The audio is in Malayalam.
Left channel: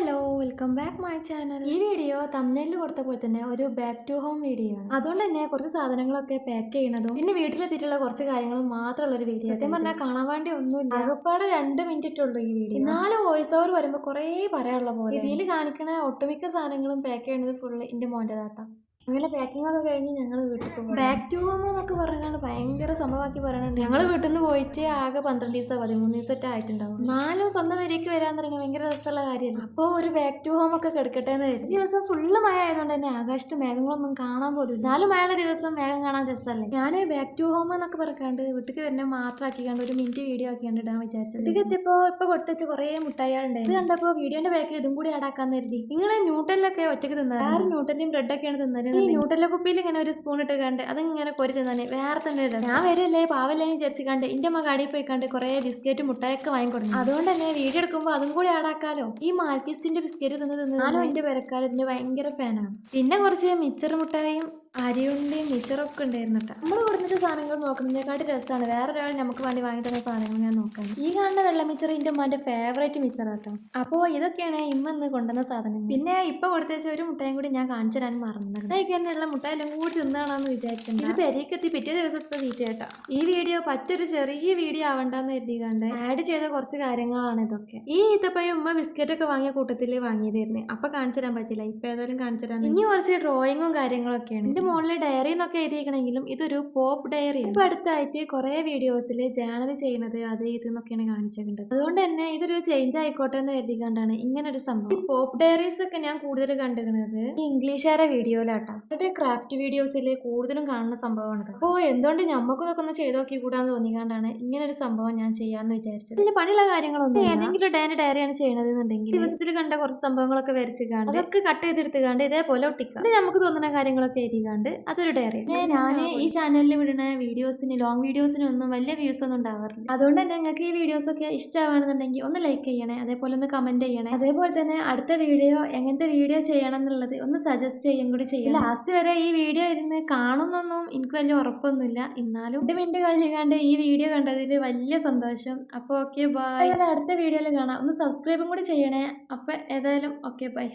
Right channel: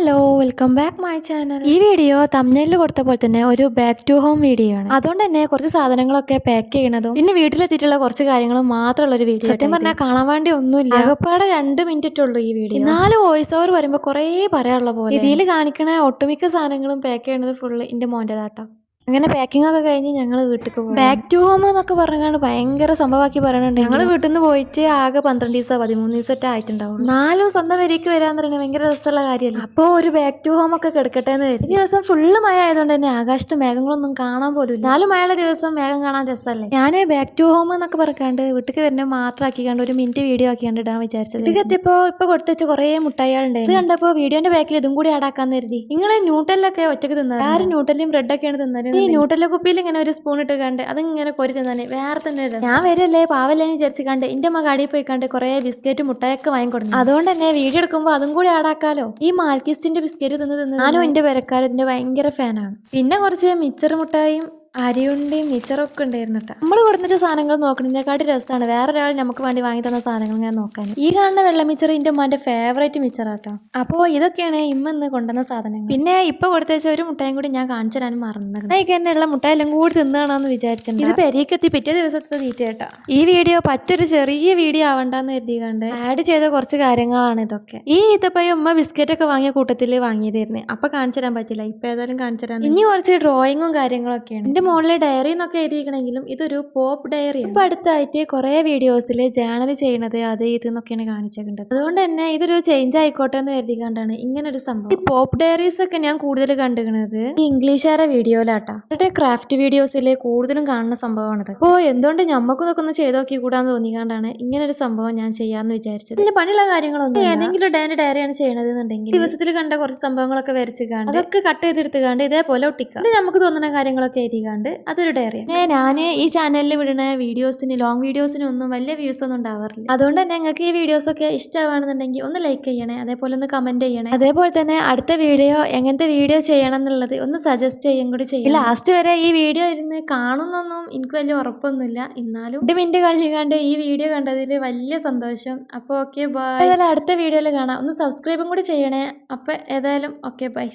Hello welcome back my channel. ഈ വീഡിയോ തംബ്നെയിലിൽ കൊടുത്ത പോലെ തന്നെ ഒരു ബാക്ക് ടു ഹോം വീഡിയോ ആണ്. അതുകൊണ്ട് തന്നെ കുറച്ച് സാധനങ്ങളൊക്കെ പാക്ക് ചെയ്യണതും പിന്നെ വീട്ടിലെത്തിയിട്ടുള്ള കുറച്ച് കാര്യങ്ങളും മാത്രമുള്ള ഒരു വീഡിയോ. സത്യം പറഞ്ഞാൽ കാണാൻ വേണ്ടി ഒന്നുമില്ല, ആകപ്പാടെ 2 മിനിറ്റ് ഉള്ളൂ ഈ വീഡിയോ. എന്നാലും വോയിസ് ഓവർ വരുമ്പോൾ കുറേ പറയാനുള്ള പോലെ. ഇതിൽ കാണിക്കണ ഒട്ടുമിക്ക സാധനങ്ങളും പാക്ക് ചെയ്യുന്നത് ഫുള്ള് എൻ്റെ മോൻ്റെതാട്ടോ. അങ്ങനെ പാക്കിംഗ് ഒക്കെ കഴിഞ്ഞ് ഞങ്ങൾ വീട്ടിൽ പോകും. ബാക്ക് ടു ഹോം എന്നൊക്കെ പറഞ്ഞാണ്ട് ഭയങ്കര സംഭവമാക്കി പറയുന്നുണ്ട്. ഞങ്ങൾ വീട്ടിൽ നിന്ന് പോയിട്ട് ആകെ 12 ദിവസം 13 ദിവസത്തെ ആയിട്ടുണ്ടാവും. നാലും സ്വന്തം വരിക്ക് വരാന്ന് പറയുന്നത് ഭയങ്കര രസമുള്ള കാര്യമല്ല. അപ്പോൾ ഒരു ബാക്ക് ടു ഹോം ഒക്കെ കിടക്കട്ടെ എന്ന് വരും. ഈ ദിവസം ഫുള്ള് മഴ ആയതുകൊണ്ട് തന്നെ ആകാശത്ത് മേഘങ്ങളൊന്നും കാണാൻ പോലും ഇല്ല. 4 മഴയുള്ള ദിവസം മേഘം കാണാൻ രസമല്ലേ. ഞാൻ ബാക്ക് ടു ഹോം എന്നൊക്കെ പറഞ്ഞാണ്ട് വീട്ടിൽ വരുന്നത് മാത്രം ആക്കിക്കാണ്ട് ഒരു മിനിറ്റ് വീഡിയോ ആക്കിയാണ്ട് ഇടാൻ വിചാരിച്ചത്. വീട്ടിൽ എത്തിയപ്പോൾ ഇപ്പൊ കൊടുത്തു വെച്ച കുറേ മുട്ടായികളുണ്ടായിരുന്നു. ഇത് കണ്ടപ്പോൾ വീഡിയോന്റെ ബാക്കിൽ ഇതും കൂടി ആടാക്കാന്ന് കരുതി. നിങ്ങൾ ന്യൂട്ടലൊക്കെ ഒറ്റക്ക് തിന്നത് ആരും ന്യൂട്ടലും ബ്രെഡൊക്കെയാണ് തിന്നത്. ഈ ന്യൂട്ടല കുപ്പിയിൽ ഇങ്ങനെ ഒരു സ്പൂൺ ഇട്ട് കണ്ട് അതിങ്ങനെ കൊരി തിന്നാൻ വേറെ തന്നെ ഞാൻ വരല്ലേ പാവല്ലേ വിചാരിച്ച് കണ്ട് എന്റെ അമ്മ കടയിൽ പോയി കണ്ട് കുറെ ബിസ്ക്കറ്റ് മുട്ടായൊക്കെ വാങ്ങിക്കൊടുക്കും. അതുകൊണ്ട് തന്നെ വീഡിയോ എടുക്കുമ്പോൾ അതും കൂടി ആടാക്കാലോ. ഈ മാൽക്കിസ്റ്റിന്റെ ബിസ്ക്കറ്റ് തിന്ന് ഞാനും എന്റെ വരക്കാരും ഇതിന്റെ ഭയങ്കര ഫാനാണ്. പിന്നെ കുറച്ച് മിച്ചർ മുട്ടായും അരിയുണ്ടയും മിച്ചറൊക്കെ ഉണ്ടായിരുന്നു കേട്ടോ. നമ്മൾ കൊടുത്ത സാധനങ്ങൾ നോക്കണതിനെക്കാട്ടി രസമാണ് വേറൊരാൾ നമുക്ക് വേണ്ടി വാങ്ങി തന്ന സാധനങ്ങൾ ഞാൻ നോക്കാൻ. ഈ കാണുന്ന വെള്ള മിച്ചർ എൻ്റെ ഉമ്മാന്റെ ഫേവറേറ്റ് മിച്ചറാട്ടോ. അപ്പോൾ ഇതൊക്കെയാണ് ഇമ്മന്ന് കൊണ്ടുവന്ന സാധനങ്ങൾ. പിന്നെ ഇപ്പൊ കൊടുത്തേച്ച ഒരു മുട്ടായും കൂടി ഞാൻ കാണിച്ചു തരാൻ മറന്നത്. അതൊക്കെ തന്നെയുള്ള മുട്ടായെല്ലാം കൂടി തിന്നാണെന്ന് വിചാരിച്ചിട്ടുണ്ട്. ഇത് പെരീക്കെത്തി പിറ്റേ ദിവസത്തെ തീറ്റ കേട്ടോ. ഈ വീഡിയോ പറ്റൊരു ചെറിയ വീഡിയോ ആവണ്ടെന്ന് കരുതി കണ്ട് ആഡ് ചെയ്ത കുറച്ച് കാര്യങ്ങളാണ് ഇതൊക്കെ. ഈ ഈത്തപ്പഴം ഉമ്മ ബിസ്ക്കറ്റ് ഒക്കെ വാങ്ങിയ കൂട്ടത്തിൽ വാങ്ങിയതായിരുന്നു. അപ്പൊ കാണിച്ചു തരാൻ പറ്റില്ല, ഇപ്പൊ ഏതായാലും കാണിച്ചു തരാൻ. ഇനി കുറച്ച് ഡ്രോയിങ്ങും കാര്യങ്ങളൊക്കെയാണ്. മോളിലെ ഡയറി എന്നൊക്കെ എഴുതിയിരിക്കണമെങ്കിലും ഇതൊരു പോപ്പ് ഡയറി. ഇപ്പൊ അടുത്തായിട്ട് കുറെ വീഡിയോസിൽ ജേണൽ ചെയ്യണത് അത് ഇതെന്നൊക്കെയാണ് കാണിച്ചിട്ടുണ്ട്. അതുകൊണ്ട് തന്നെ ഇതൊരു ചേഞ്ച് ആയിക്കോട്ടെ എന്ന് കരുതി കണ്ടാണ് ഇങ്ങനെ ഒരു സംഭവം. ഈ പോപ്പ് ഡയറീസ് ഒക്കെ ഞാൻ കൂടുതൽ കണ്ടുകണത് ഈ ഇംഗ്ലീഷുകാരെ വീഡിയോയിലാട്ടാ. അവരുടെ ക്രാഫ്റ്റ് വീഡിയോസിൽ കൂടുതലും കാണുന്ന സംഭവമാണിത്. അപ്പോൾ എന്തുകൊണ്ട് ഞമ്മക്കും ഇതൊക്കെ ഒന്ന് ചെയ്ത് നോക്കി കൂടാന്ന് തോന്നിക്കാണ്ടാണ് ഇങ്ങനെ ഒരു സംഭവം ഞാൻ ചെയ്യാന്ന് വിചാരിച്ചത്. ഇതിന്റെ പണിയുള്ള കാര്യങ്ങളൊന്നും ഏതെങ്കിലും ഡയറിയാണ് ചെയ്യണത് എന്നുണ്ടെങ്കിൽ ദിവസത്തിൽ കണ്ട കുറച്ച് സംഭവങ്ങളൊക്കെ വരച്ച് കാണും, അതൊക്കെ കട്ട് ചെയ്തെടുത്ത് കണ്ട് ഇതേപോലെ ഒട്ടിക്കാം. നമുക്ക് തോന്നുന്ന കാര്യങ്ങളൊക്കെ എഴുതി അതൊരു ഡയറി. ഞാൻ ഈ ചാനലിൽ വിടുന്ന വീഡിയോസിന് ലോങ് വീഡിയോസിന് ഒന്നും വലിയ വ്യൂസ് ഒന്നും ഉണ്ടാവാറില്ല. അതുകൊണ്ട് തന്നെ നിങ്ങൾക്ക് ഈ വീഡിയോസ് ഒക്കെ ഇഷ്ടമാണെന്നുണ്ടെങ്കിൽ ഒന്ന് ലൈക്ക് ചെയ്യണേ, അതേപോലെ ഒന്ന് കമന്റ് ചെയ്യണേ. അതേപോലെ തന്നെ അടുത്ത വീഡിയോ എങ്ങനത്തെ വീഡിയോ ചെയ്യണം എന്നുള്ളത് ഒന്ന് സജസ്റ്റ് ചെയ്യും കൂടി ചെയ്യും. ലാസ്റ്റ് വരെ ഈ വീഡിയോ ഇരുന്ന് കാണുന്നൊന്നും എനിക്ക് വലിയ ഉറപ്പൊന്നുമില്ല, എന്നാലും 2 മിനിറ്റ് കഴിഞ്ഞാണ്ട് ഈ വീഡിയോ കണ്ടതിൽ വലിയ സന്തോഷം. അപ്പോൾ ഓക്കെ ബൈ. ഏതായാലും അടുത്ത വീഡിയോയിൽ കാണാം. ഒന്ന് സബ്സ്ക്രൈബും കൂടി ചെയ്യണേ. അപ്പോൾ ഏതായാലും ഓക്കെ ബൈ.